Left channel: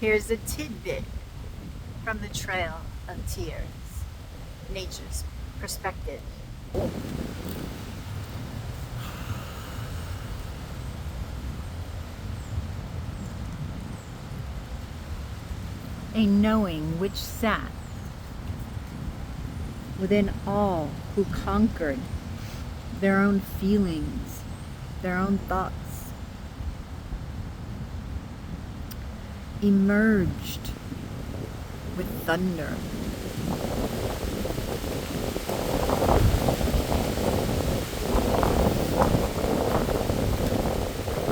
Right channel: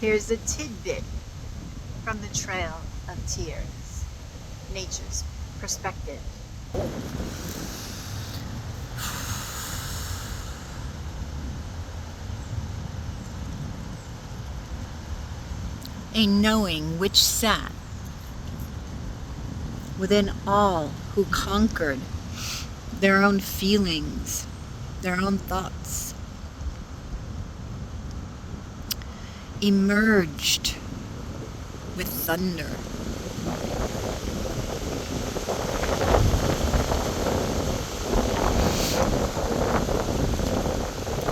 Here's a tidbit from the Trail of Tears, nature's perspective. A knowing which sat within all who conquered their own feelings, their own thoughts, emerged with thunder.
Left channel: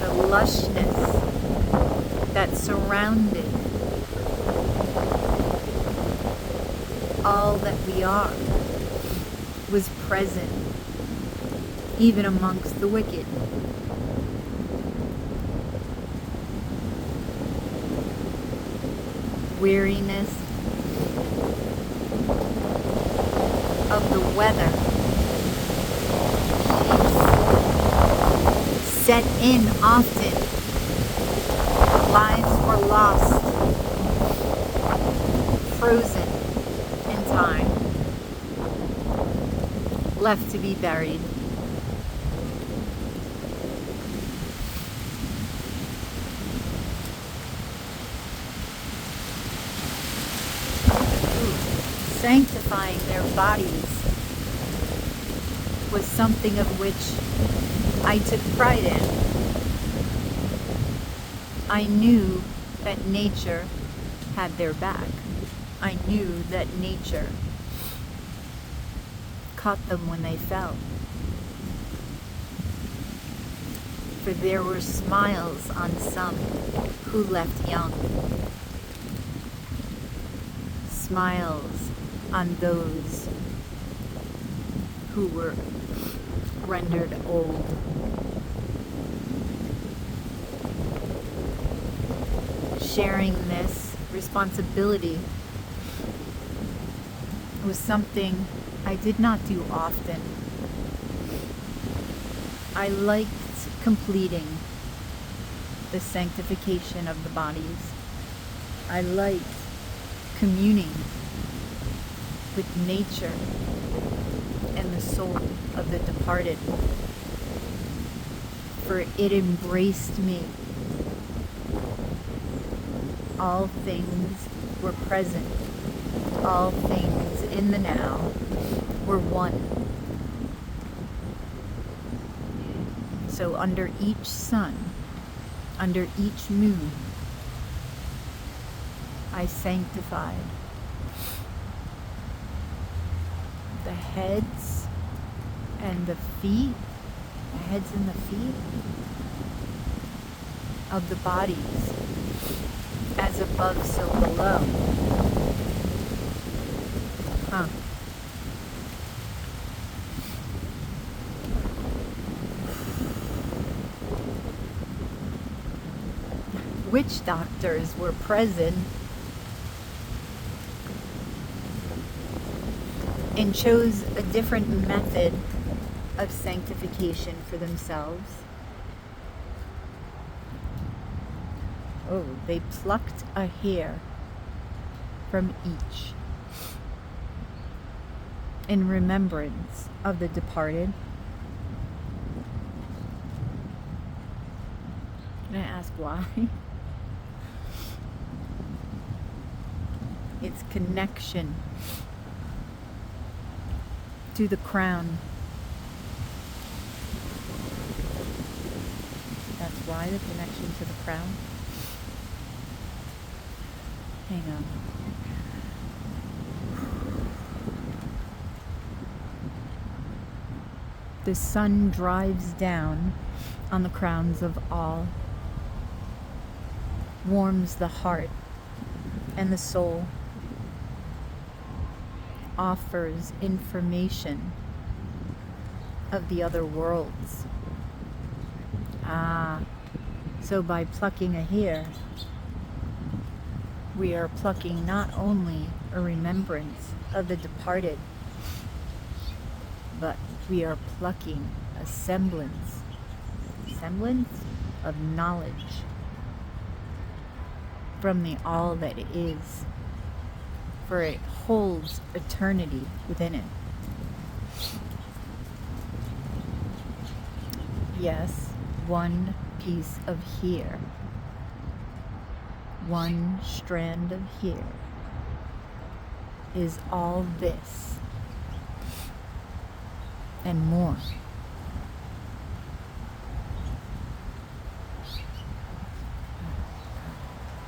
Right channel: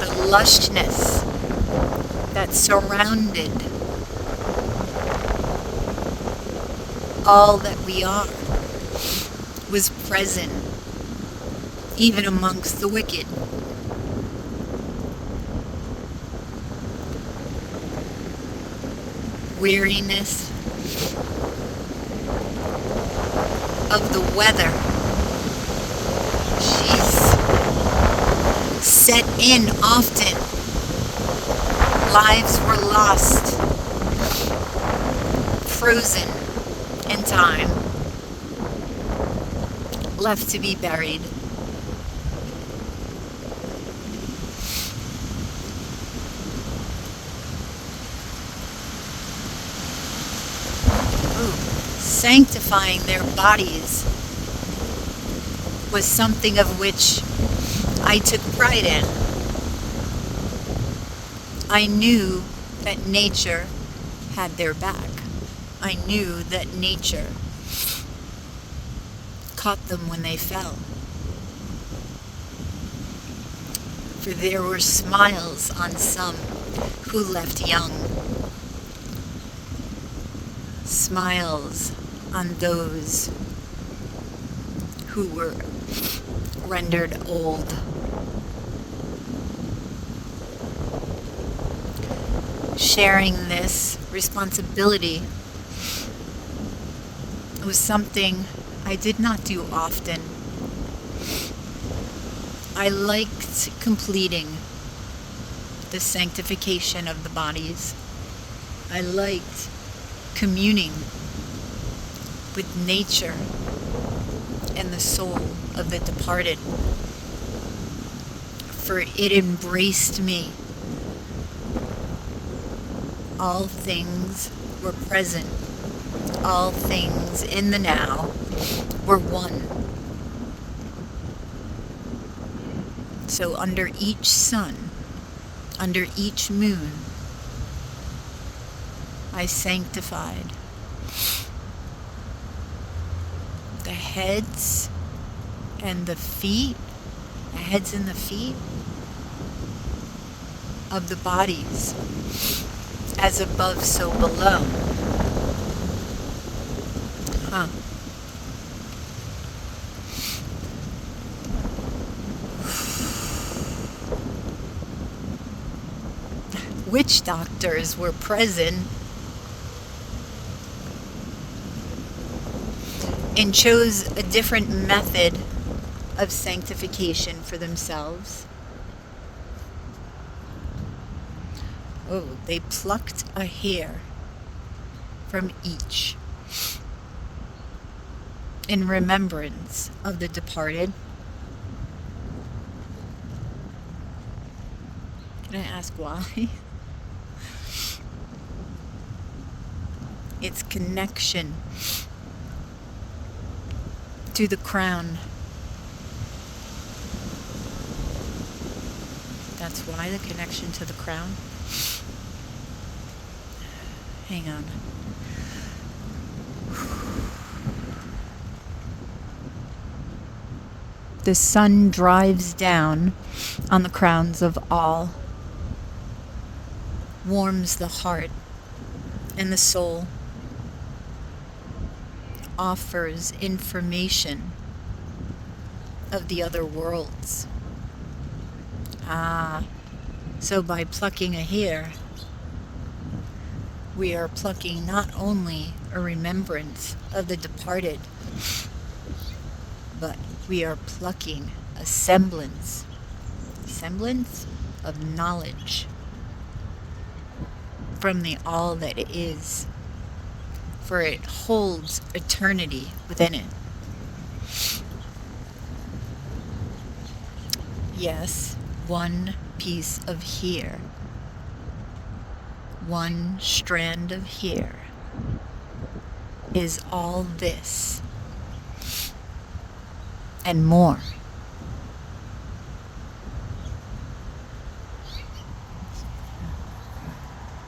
The lushness that surrounded all that we are was present even amongst the wicked. Weariness of the weather, she's set in often. Lives were lost, frozen in time, left to be buried. Sanctifying their bodies was something of which I took pride in. I knew that nature had their back. I knew that nature caught them when they fell. For there were smiles on some who left young, smiles on those who were rendered old. Sharing this responsibility was something I did not do often. I liked completing the sanctification of the bodies. I liked communing with nature and the soul of the departed, for it embraced me. All things were present. All things in the now were one. So under each sun, under each moon, I sanctified the heads and the feet, the heads and the feet of the bodies, as above, so below. Witch doctors were present and chose a different method of sanctification for themselves. Oh, they plucked a hair from each in remembrance of the departed. Can I ask why? Its connection to the crown. That's why, the connection to the crown. Hang on. The sun drives down on the crowns of all, warms the heart and the soul, offers information of the other worlds. So by plucking a hair, we are plucking not only a remembrance of the departed, but we are plucking a semblance of knowledge from the all that is, for it holds eternity within it. Yes, one piece of here, one strand of here is all this and more.